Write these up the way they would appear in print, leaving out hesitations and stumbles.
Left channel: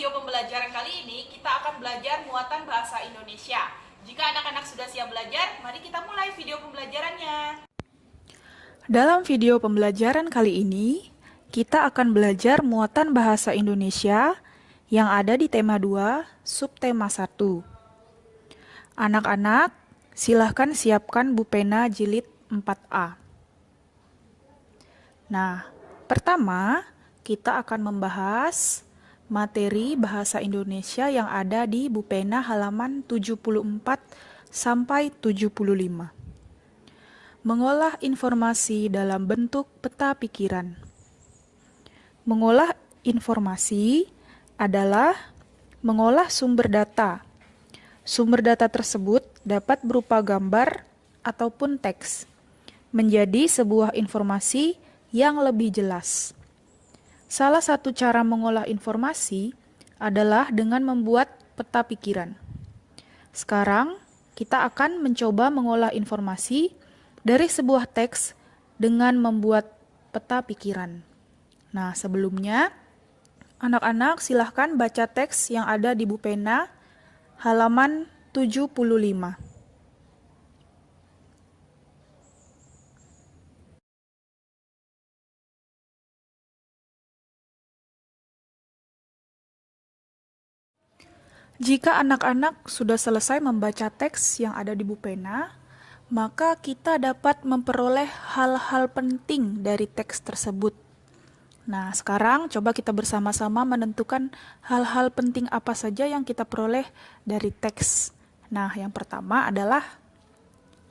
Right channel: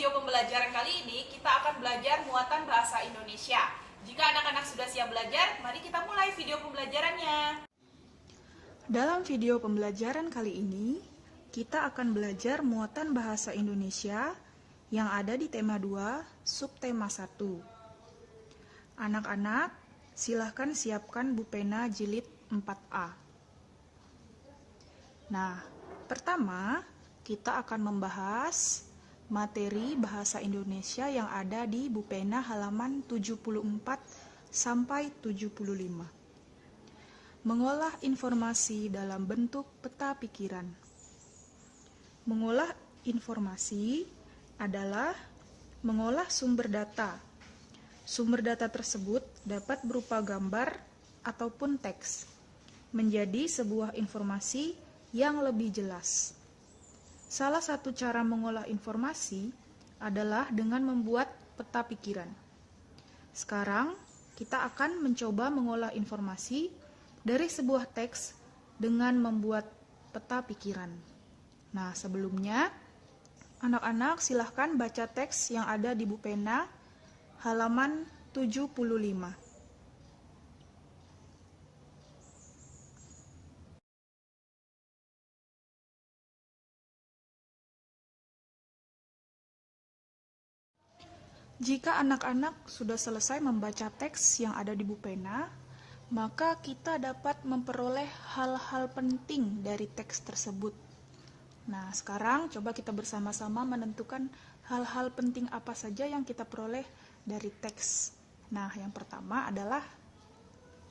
video pembelajaran kali ini, kita akan belajar muatan bahasa Indonesia. Jika anak-anak sudah siap belajar, mari kita mulai video pembelajarannya. Dalam video pembelajaran kali ini, kita akan belajar muatan bahasa Indonesia yang ada di tema 2, subtema 1. Anak-anak, silahkan siapkan Bupena jilid 4A. Nah, pertama, kita akan membahas materi bahasa Indonesia yang ada di Bupena halaman 74 sampai 75. Mengolah informasi dalam bentuk peta pikiran. Mengolah informasi adalah mengolah sumber data. Sumber data tersebut dapat berupa gambar ataupun teks, menjadi sebuah informasi yang lebih jelas. Salah satu cara mengolah informasi adalah dengan membuat peta pikiran. Sekarang, kita akan mencoba mengolah informasi dari sebuah teks dengan membuat peta pikiran. Nah, sebelumnya, anak-anak silahkan baca teks yang ada di Bupena halaman 75. Jika anak-anak sudah selesai membaca teks yang ada di Bupena, maka kita dapat memperoleh hal-hal penting dari teks tersebut. Nah, sekarang coba kita bersama-sama menentukan hal-hal penting apa saja yang kita peroleh dari teks. Nah, yang pertama adalah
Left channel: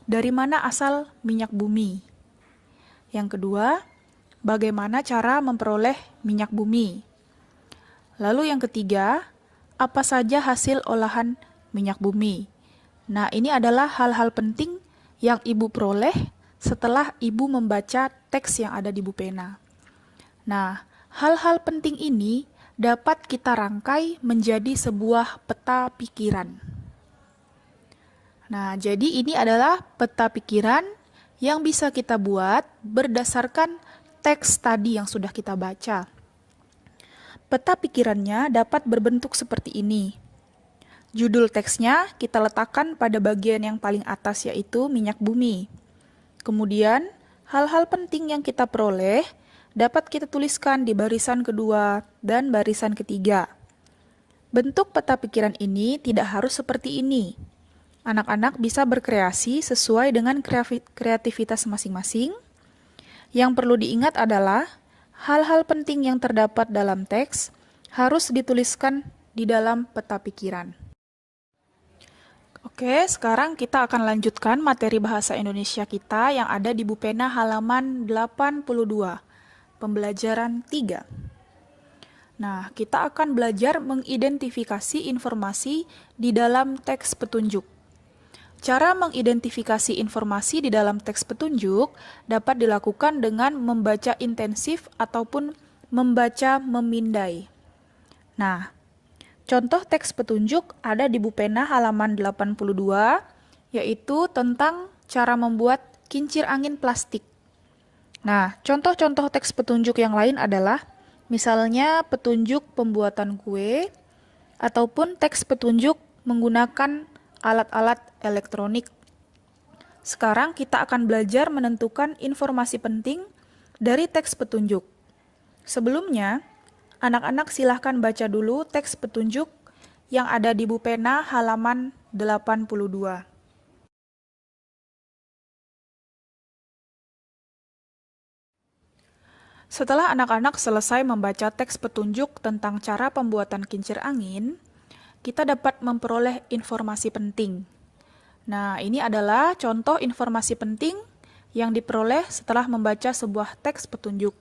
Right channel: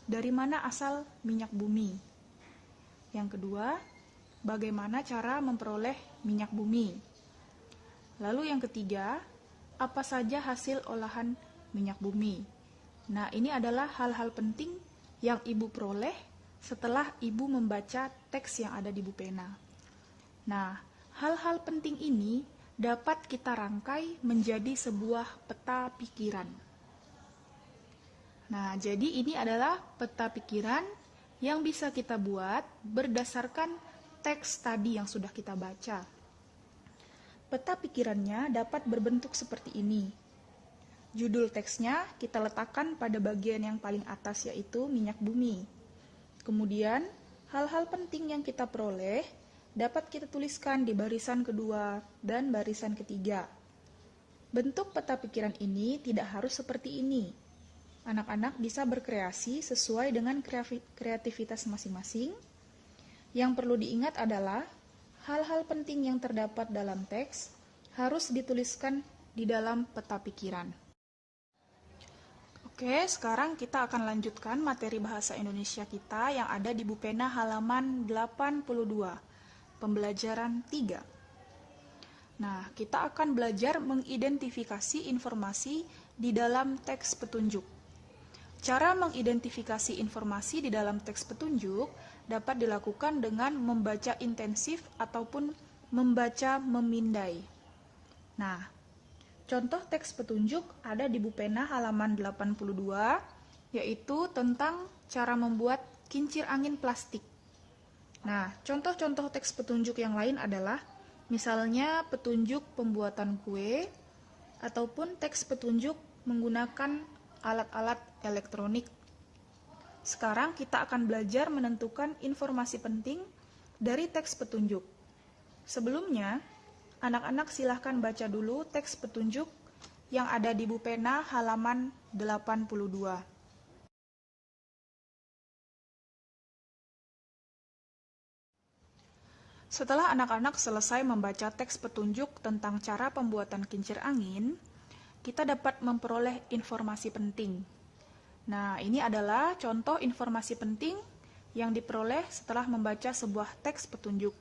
dari mana asal minyak bumi. Yang kedua, bagaimana cara memperoleh minyak bumi. Lalu yang ketiga, apa saja hasil olahan minyak bumi. Nah, ini adalah hal-hal penting yang Ibu peroleh setelah Ibu membaca teks yang ada di Bupena. Nah, hal-hal penting ini dapat kita rangkai menjadi sebuah peta pikiran. Nah, jadi ini adalah peta pikiran yang bisa kita buat berdasarkan teks tadi yang sudah kita baca. Peta pikirannya dapat berbentuk seperti ini. Judul teksnya kita letakkan pada bagian yang paling atas, yaitu minyak bumi. Kemudian, hal-hal penting yang kita peroleh dapat kita tuliskan di barisan kedua dan barisan ketiga. Bentuk peta pikiran ini tidak harus seperti ini. Anak-anak bisa berkreasi sesuai dengan kreativitas masing-masing. Yang perlu diingat adalah hal-hal penting yang terdapat dalam teks harus dituliskan di dalam peta pikiran. Oke, sekarang kita akan lanjutkan materi bahasa Indonesia kita yang ada di Bupena halaman 82, pembelajaran 3. Nah, kita akan belajar mengidentifikasi informasi di dalam teks petunjuk. Cara mengidentifikasi informasi di dalam teks petunjuk dapat dilakukan dengan membaca intensif ataupun membaca memindai. Nah, contoh teks petunjuk ada di Bupena halaman 82, yaitu tentang cara membuat kincir angin plastik. Nah, contoh-contoh teks petunjuk yang lain adalah misalnya petunjuk pembuatan kue, ataupun teks petunjuk menggunakan alat-alat elektronik. Sekarang kita akan belajar menentukan informasi penting dari teks petunjuk. Sebelumnya, anak-anak silahkan baca dulu teks petunjuk yang ada di Bupena halaman 82. Setelah anak-anak selesai membaca teks petunjuk tentang cara pembuatan kincir angin, kita dapat memperoleh informasi penting. Nah, ini adalah contoh informasi penting yang diperoleh setelah membaca sebuah teks petunjuk.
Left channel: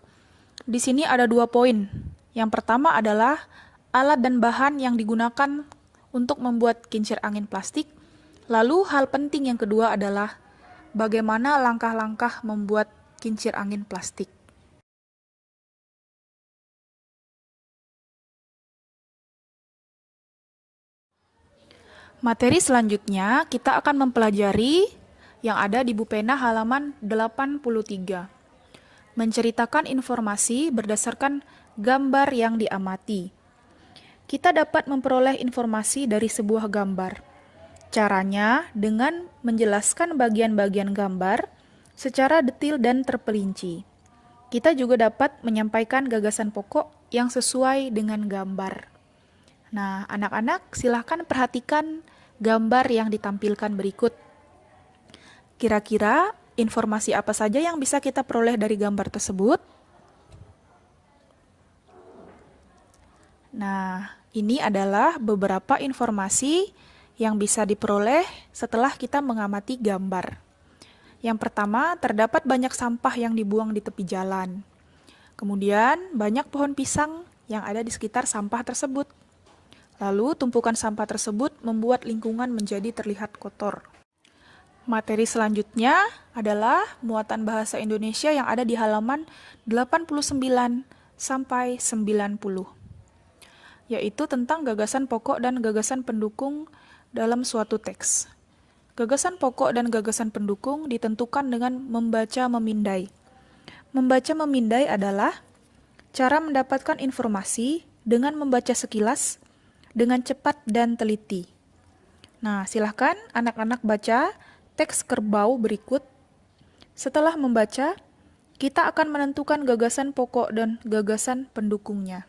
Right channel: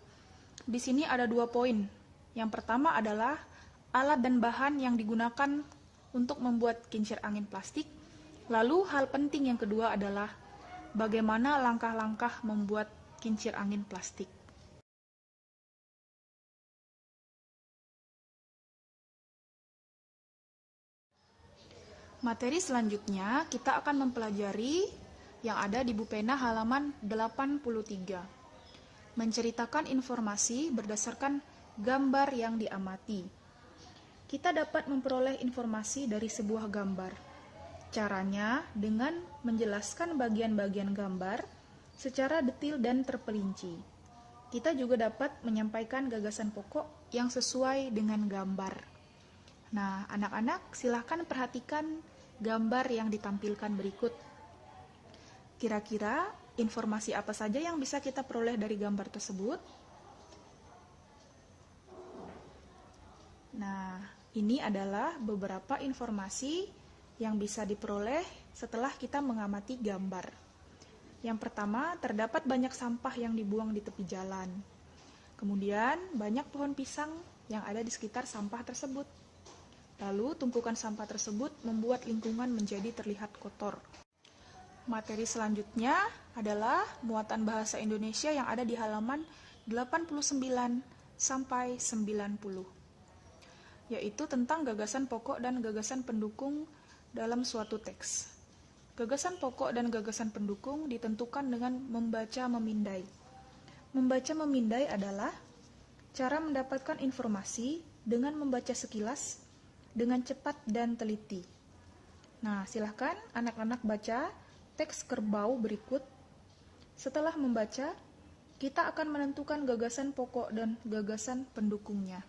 Di sini ada 2 poin. Yang pertama adalah alat dan bahan yang digunakan untuk membuat kincir angin plastik. Lalu hal penting yang kedua adalah bagaimana langkah-langkah membuat kincir angin plastik. Materi selanjutnya kita akan mempelajari yang ada di Bupena halaman 83. Menceritakan informasi berdasarkan gambar yang diamati. kita dapat memperoleh informasi dari sebuah gambar. Caranya dengan menjelaskan bagian-bagian gambar secara detail dan terperinci. Kita juga dapat menyampaikan gagasan pokok yang sesuai dengan gambar. Nah, anak-anak silahkan perhatikan gambar yang ditampilkan berikut. Kira-kira informasi apa saja yang bisa kita peroleh dari gambar tersebut? Nah, ini adalah beberapa informasi yang bisa diperoleh setelah kita mengamati gambar. Yang pertama, terdapat banyak sampah yang dibuang di tepi jalan. Kemudian, banyak pohon pisang yang ada di sekitar sampah tersebut. Lalu, tumpukan sampah tersebut membuat lingkungan menjadi terlihat kotor. Materi selanjutnya adalah muatan bahasa Indonesia yang ada di halaman 89 sampai 90, yaitu tentang gagasan pokok dan gagasan pendukung dalam suatu teks. Gagasan pokok dan gagasan pendukung ditentukan dengan membaca memindai. Membaca memindai adalah cara mendapatkan informasi dengan membaca sekilas, dengan cepat dan teliti. Nah, silahkan anak-anak baca teks kerbau berikut. Setelah membaca, kita akan menentukan gagasan pokok dan gagasan pendukungnya.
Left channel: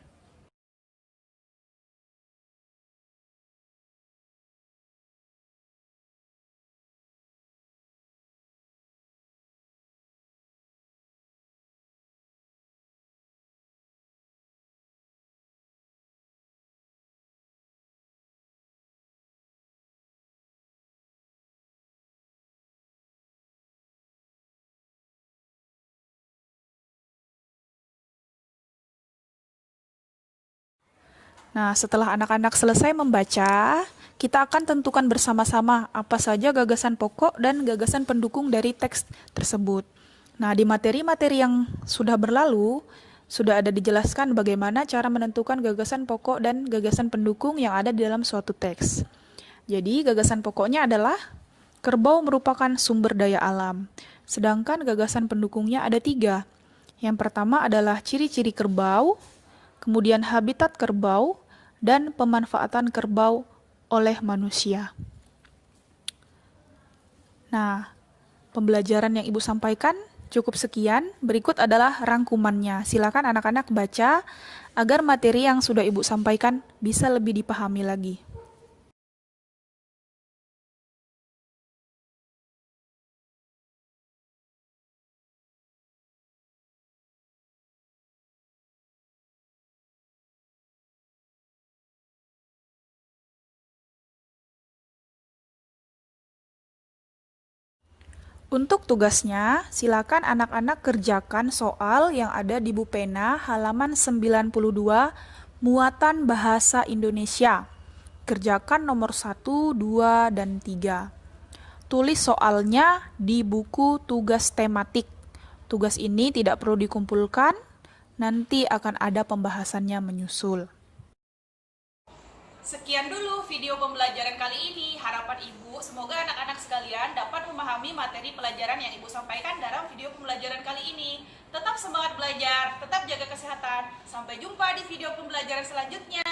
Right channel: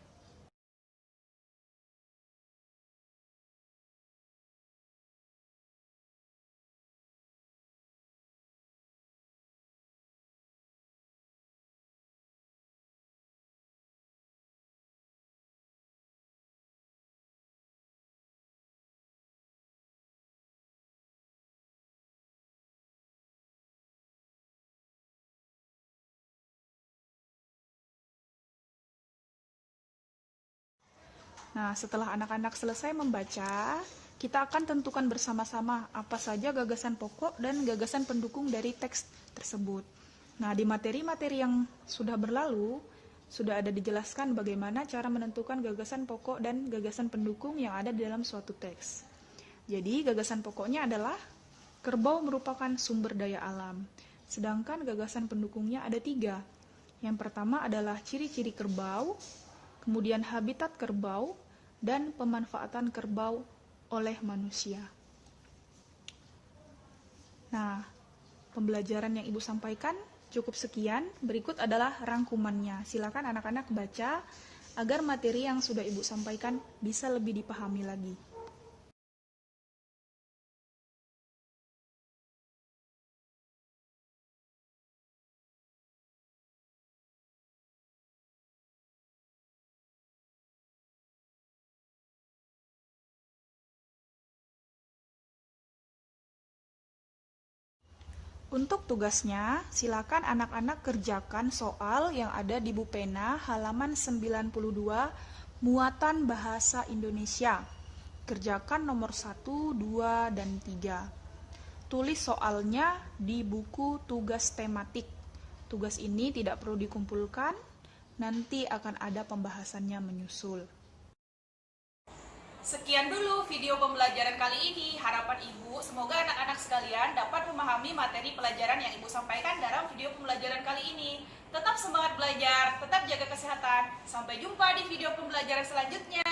Nah, setelah anak-anak selesai membaca, kita akan tentukan bersama-sama apa saja gagasan pokok dan gagasan pendukung dari teks tersebut. Nah, di materi-materi yang sudah berlalu, sudah ada dijelaskan bagaimana cara menentukan gagasan pokok dan gagasan pendukung yang ada di dalam suatu teks. Jadi, gagasan pokoknya adalah kerbau merupakan sumber daya alam, sedangkan gagasan pendukungnya ada 3. Yang pertama adalah ciri-ciri kerbau, kemudian habitat kerbau, dan pemanfaatan kerbau oleh manusia. Nah, pembelajaran yang Ibu sampaikan cukup sekian. Berikut adalah rangkumannya. Silakan anak-anak baca agar materi yang sudah Ibu sampaikan bisa lebih dipahami lagi. Untuk tugasnya, silakan anak-anak kerjakan soal yang ada di buku pena halaman 92, muatan bahasa Indonesia. Kerjakan nomor 1, 2, dan 3. Tulis soalnya di buku tugas tematik. Tugas ini tidak perlu dikumpulkan, nanti akan ada pembahasannya menyusul. Sekian dulu video pembelajaran kali ini. Harapan Ibu, semoga anak-anak sekalian dapat memahami materi pelajaran yang Ibu sampaikan dalam video pembelajaran kali ini. Tetap semangat belajar, tetap jaga kesehatan. Sampai jumpa di video pembelajaran selanjutnya.